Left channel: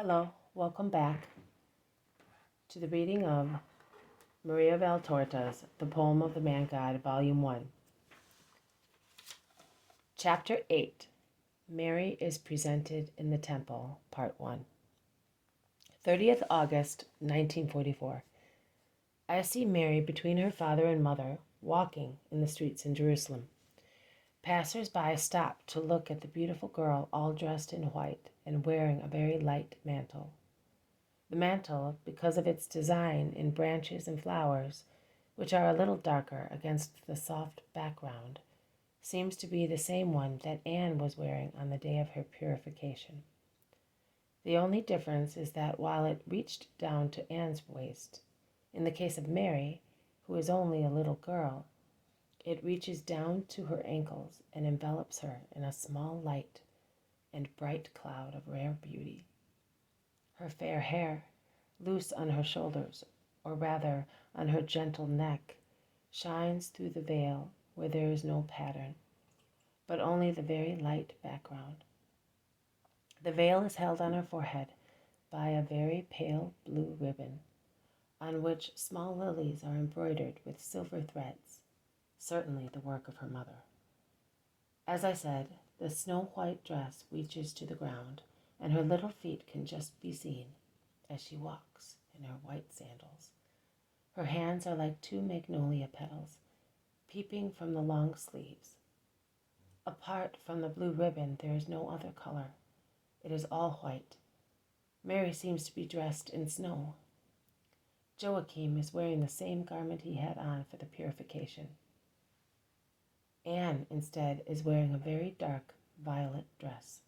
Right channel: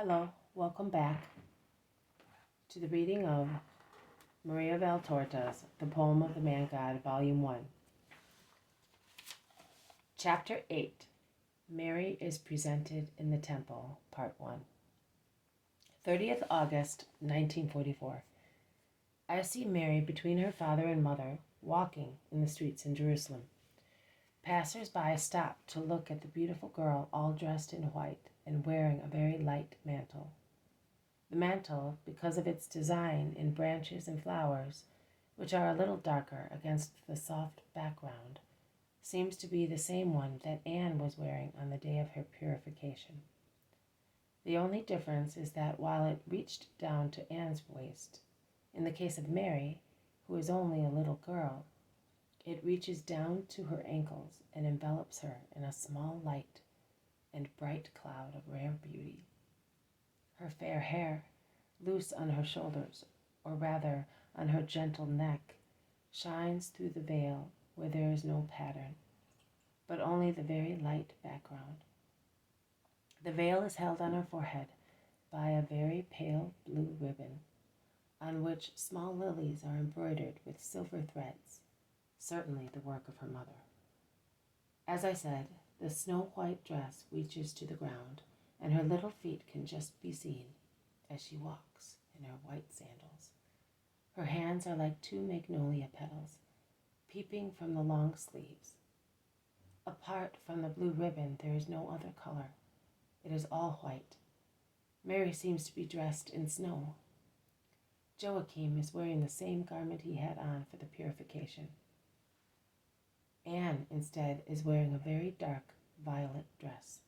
Hello, welcome back to the reading of Maria Valtorta's The Poem of the Man God, Volume 1. Chapter 8, Mary is Presented in the Temple, Part 1. 30th August, 1944. I see Mary between her father and mother, walking in the streets in Jerusalem. Passers-by stop to look at the beautiful girl all dressed in white and wearing a very light mantle. The mantle, because of its design in branches and flowers, which are a little darker against the soft background, seems to be the same one that Anne was wearing on the day of her purification. The only difference is that while it reached down to Anne's waist, in the case of Mary, who is only a little girl, it reaches down to her ankles and envelops her in a small light and bright cloud of rare beauty. Her fair hair, loose on her shoulders, or rather on her gentle neck, shines through the veil where there is no pattern, but only the very light background. The veil is held on her forehead by a very pale blue ribbon, on which small lilies are embroidered with silver threads, certainly the work of her mother. As I said, the snow-white dress reaches to the ground, and her little feet can just be seen as she walks in her white sandals. Her hands are like two magnolia petals, peeping from the long sleeves. Apart from the blue ribbon, there is no other color. It is all white. Mary seems to be dressed in snow. Joachim is wearing the same garment he had on for the purification. Anne, instead, is wearing a very dark violet dress.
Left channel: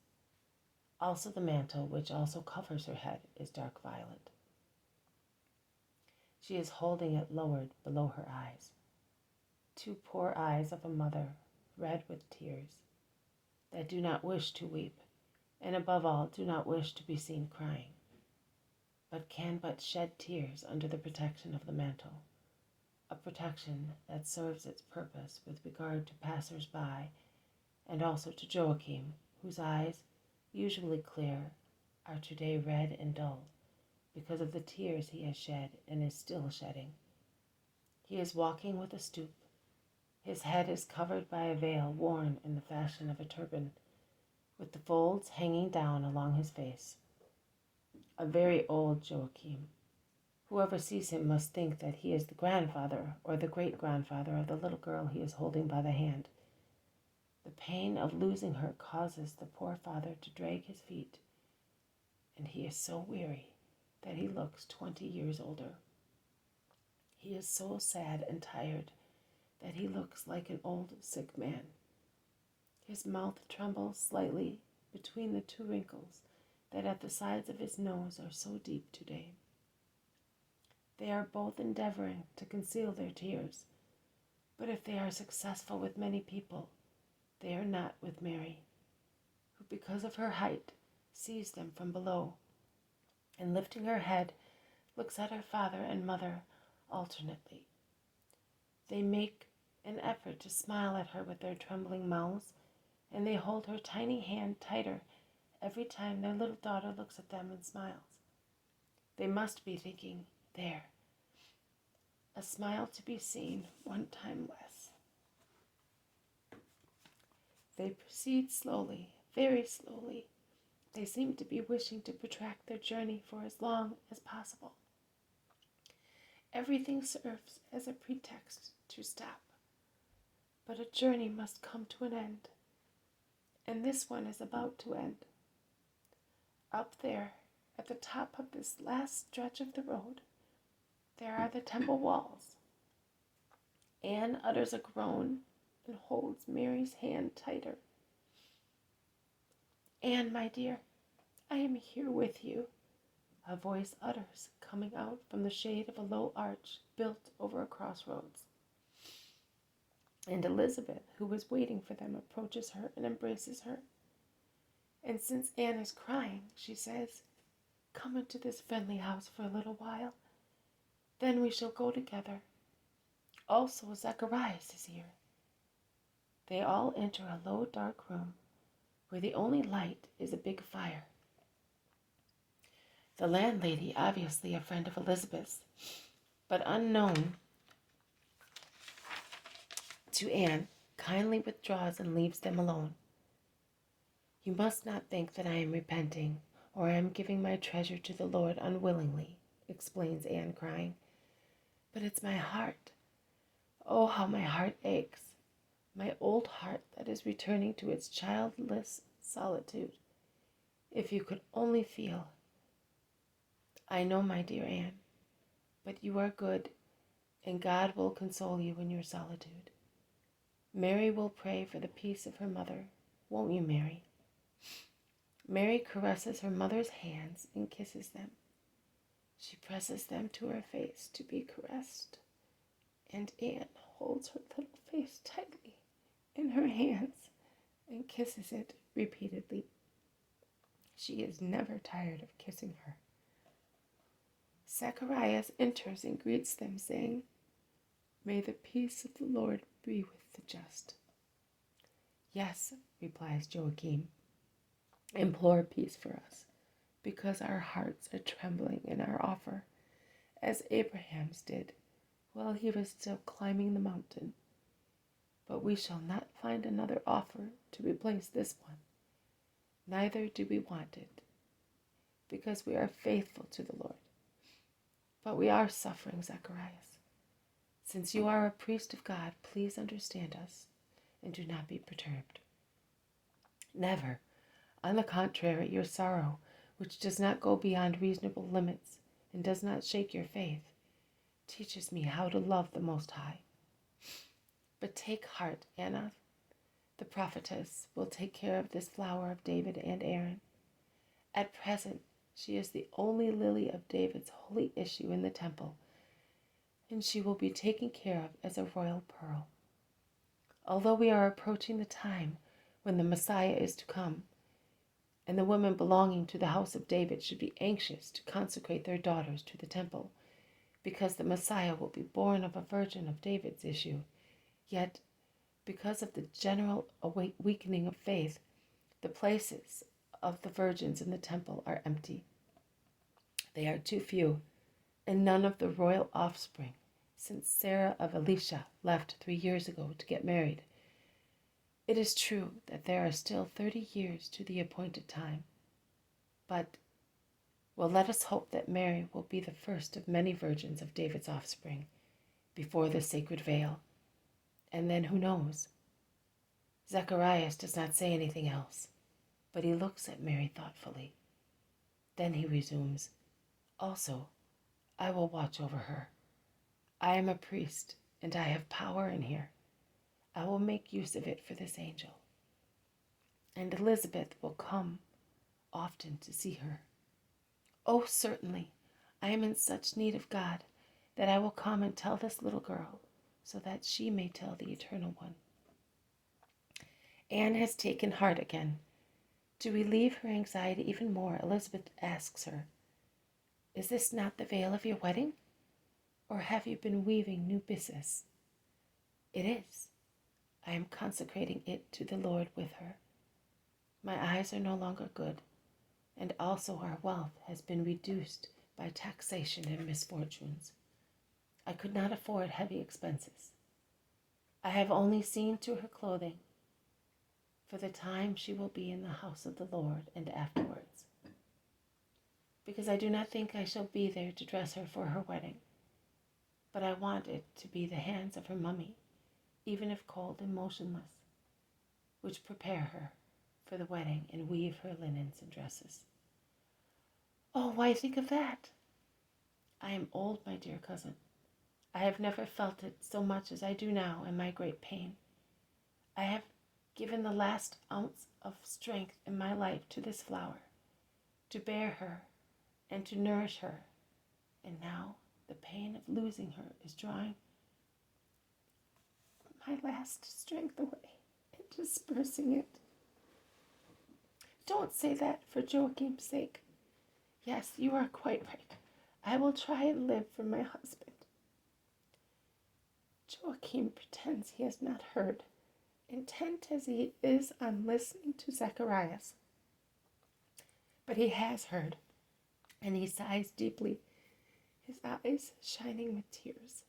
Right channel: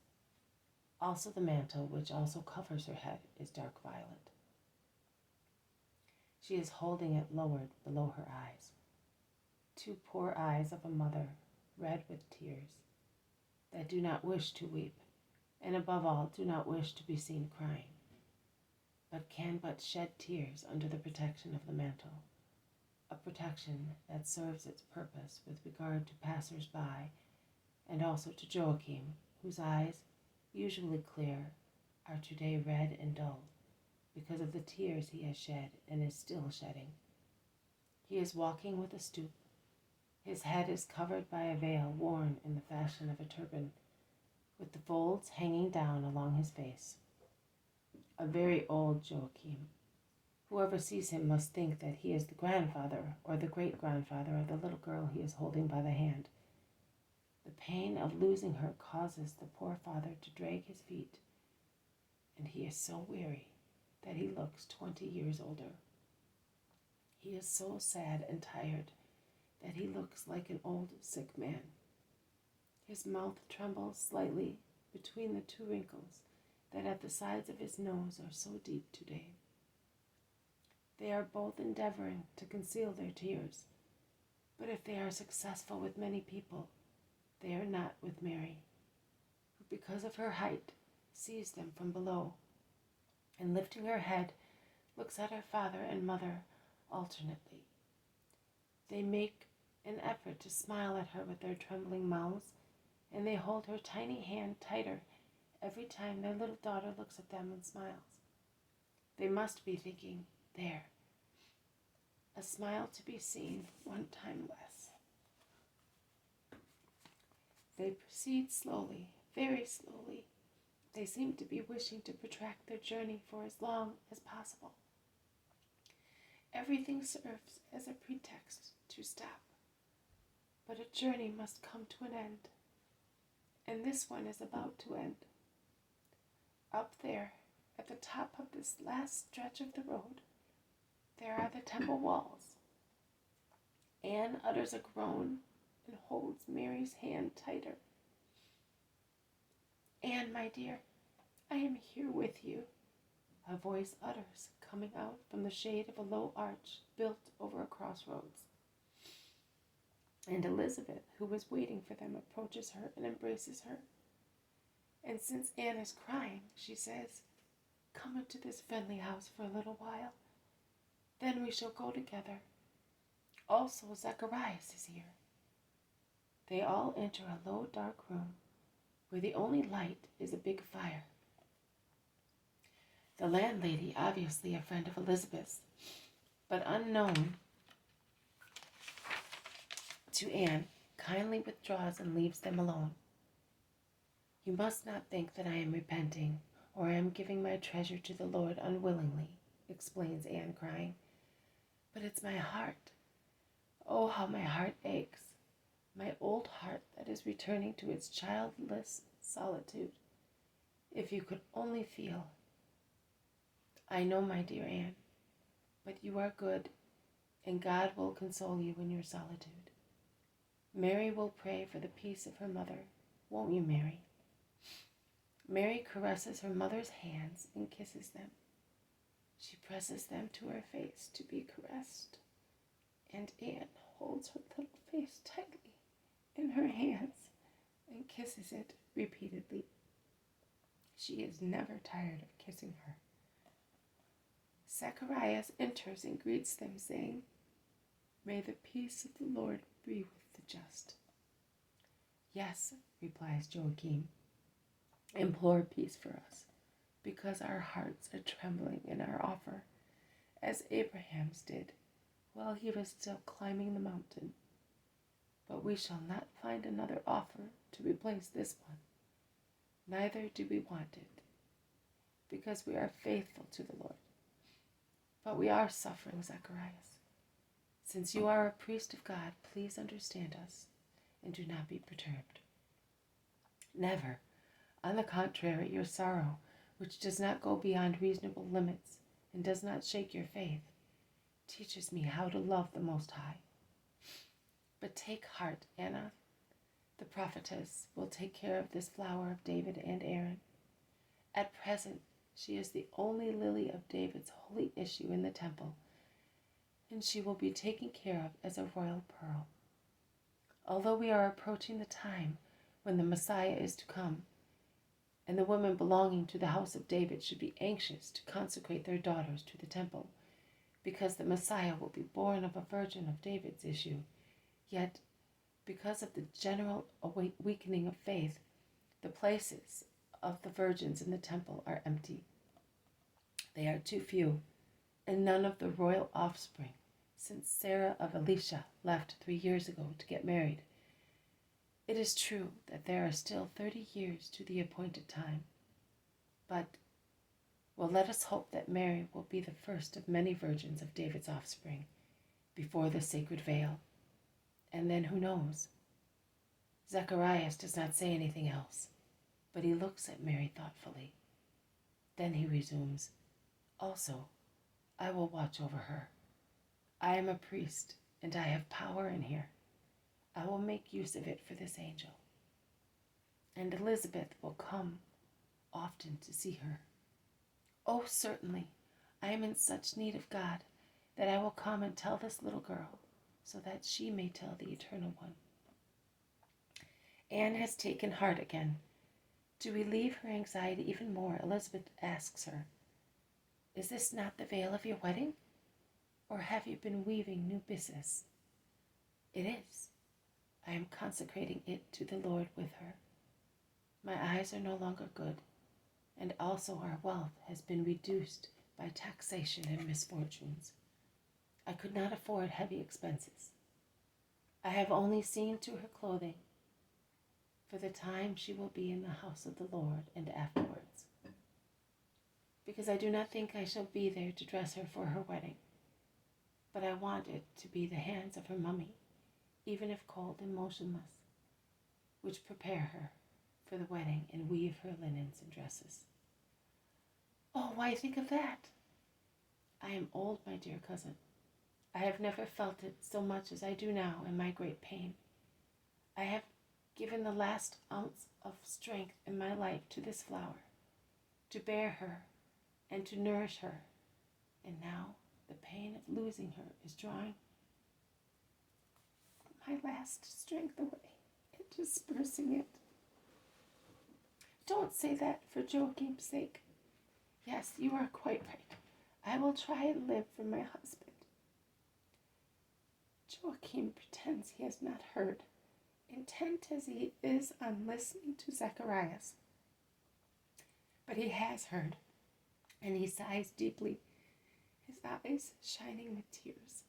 Also the mantle, which also covers her head, is dark violet. She is holding it lowered below her eyes. Two poor eyes of a mother, red with tears, that do not wish to weep, and above all do not wish to be seen crying, but can but shed tears under the protection of the mantle, a protection that serves its purpose with regard to passers-by and also to Joachim, whose eyes, usually clear, are today red and dull because of the tears he has shed and is still shedding. He is walking with a stoop. His head is covered by a veil worn in the fashion of a turban, with the folds hanging down along his face. A very old Joachim. Whoever sees him must think that he is the grandfather or the great-grandfather of the little girl he is holding by the hand. The pain of losing her causes the poor father to drag his feet, and he is so weary that he looks 20 years older. He is so sad and tired that he looks like an old sick man. His mouth trembles slightly between the two wrinkles that at the sides of his nose are so deep today. They are both endeavoring to conceal their tears, but if they are successful with many people, they are not with Mary, who because of her height sees them from below, and lifting her head, looks at her father and mother alternately. They make an effort to smile at her with their trembling mouths, and they hold her tiny hand tighter every time their little daughter looks at them and smiles. They must be thinking, there, a smile to be seen one time less. They proceed slowly, very slowly. They seem to be wishing to protract their journey for as long as possible. Everything serves as a pretext to stop. But a journey must come to an end, and this one is about to end. Up there, at the top of this last stretch of the road, there are the temple walls. Anne utters a groan and holds Mary's hand tighter. Anne, my dear, I am here with you, a voice utters, coming out from the shade of a low arch built over a crossroads. And Elizabeth, who was waiting for them, approaches her and embraces her. And since Anne is crying, she says, come into this friendly house for a little while. Then we shall go together. Also, Zacharias is here. They all enter a low, dark room where the only light is a big fire. The landlady, obviously a friend of Elizabeth's, but unknown to Anne, kindly withdraws and leaves them alone. You must not think that I am repenting, or I am giving my treasure to the Lord unwillingly, explains Anne, crying. But it's my heart. Oh, how my heart aches. My old heart that is returning to its childless solitude. If you could only feel. I know, my dear Anne, but you are good, and God will console you in your solitude. Mary will pray for the peace of her mother, won't you, Mary? Mary caresses her mother's hands and kisses them. She presses them to her face to be caressed, and Anne holds her little face tightly in her hands and kisses it repeatedly. She is never tired of kissing her. Zacharias enters and greets them, saying, May the peace of the Lord be with the just. Yes, replies Joachim, implore peace for us, because our hearts are trembling in our offer, as Abraham's did while he was still climbing the mountain. But we shall not find another offer to replace this one. Neither do we want it, because we are faithful to the Lord. But we are suffering, Zacharias. Since you are a priest of God, please understand us and do not be perturbed. Never. On the contrary, your sorrow, which does not go beyond reasonable limits and does not shake your faith, teaches me how to love the Most High. But take heart, Anna. The prophetess will take care of this flower of David and Aaron. At present, she is the only lily of David's holy issue in the temple, and she will be taken care of as a royal pearl. Although we are approaching the time when the Messiah is to come, and the women belonging to the house of David should be anxious to consecrate their daughters to the temple, because the Messiah will be born of a virgin of David's issue, yet, because of the general weakening of faith, the places of the virgins in the temple are empty. They are too few, and none of the royal offspring, since Sarah of Elisha left 3 years ago to get married. It is true that there are still 30 years to the appointed time, but, well, let us hope that Mary will be the first of many virgins of David's offspring before the sacred veil, and then who knows? Zacharias does not say anything else, but he looks at Mary thoughtfully. Then he resumes, Also, I will watch over her. I am a priest, and I have power in here. I will make use of it for this angel. And Elizabeth will come often to see her. Oh, certainly, I am in such need of God that I will come and tell this little girl, so that she may tell the Eternal One. Anne has taken heart again. To relieve her anxiety even more, Elizabeth asks her, Is this not the veil of your wedding? Or have you been weaving new byssus? It is. I am consecrating it to the Lord with her. My eyes are no longer good, and also our wealth has been reduced by taxation and misfortunes. I could not afford heavy expenses. I have only seen to her clothing for the time she will be in the house of the Lord and afterwards, because I do not think I shall be there to dress her for her wedding, but I want it to be the hands of her mummy, even if cold and motionless, which prepare her for the wedding and weave her linens and dresses. Oh, why think of that? I am old, my dear cousin. I have never felt it so much as I do now in my great pain. I have given the last ounce of strength in my life to this flower, to bear her and to nourish her, and now the pain of losing her is drawing my last strength away and dispersing it. Don't say that for Joachim's sake. Yes, you are quite right. I will try and live for my husband. Joachim pretends he has not heard, intent as he is on listening to Zacharias. But he has heard, and he sighs deeply, his eyes shining with tears.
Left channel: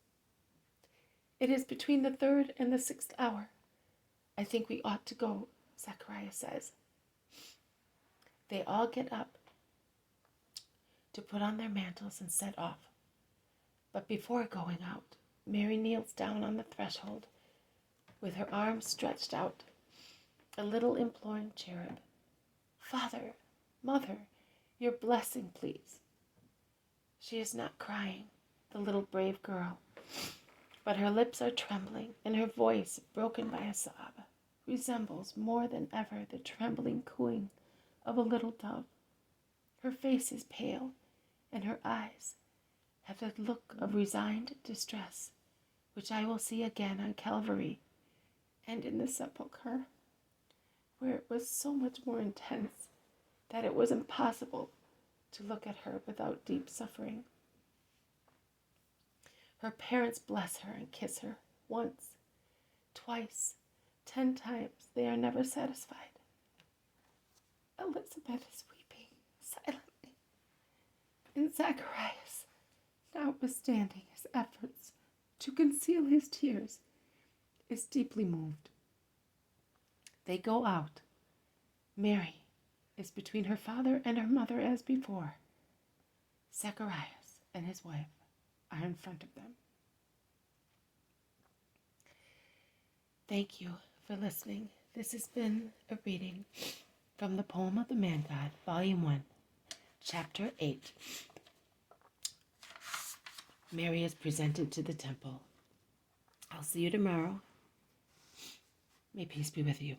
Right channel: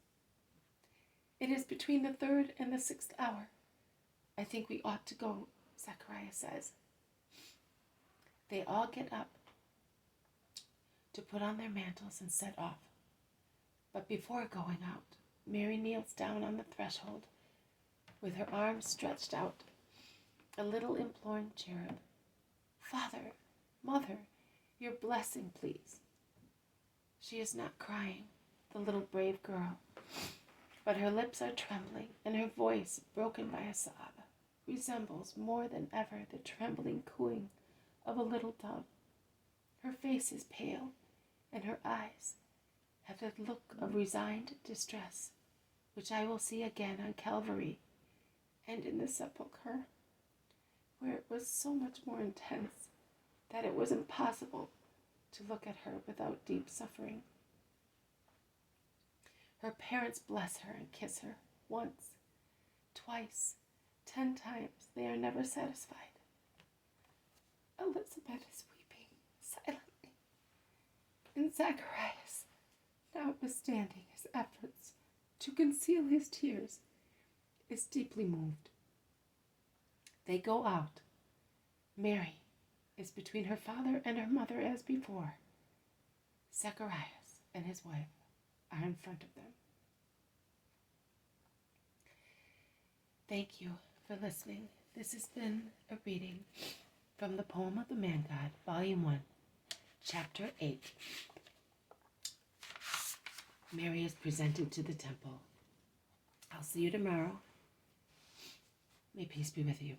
It is between the 3rd and the 6th hour. I think we ought to go, Zacharias says. They all get up to put on their mantles and set off. But before going out, Mary kneels down on the threshold with her arms stretched out, a little imploring cherub. Father, Mother, your blessing, please. She is not crying, the little brave girl, but her lips are trembling, and her voice, broken by a sob, resembles more than ever the trembling cooing of a little dove. Her face is pale, and her eyes have the look of resigned distress, which I will see again on Calvary and in the sepulchre, where it was so much more intense that it was impossible to look at her without deep suffering. Her parents bless her and kiss her once, twice, 10 times. They are never satisfied. Elizabeth is weeping silently, and Zacharias, notwithstanding his efforts to conceal his tears, is deeply moved. They go out. Mary is between her father and her mother as before. Zacharias and his wife are in front of them. Thank you for listening. This has been a reading from the Poem of the Man God, Volume 1, Chapter 8. Mary is presented to the temple. I'll see you tomorrow. May peace be with you.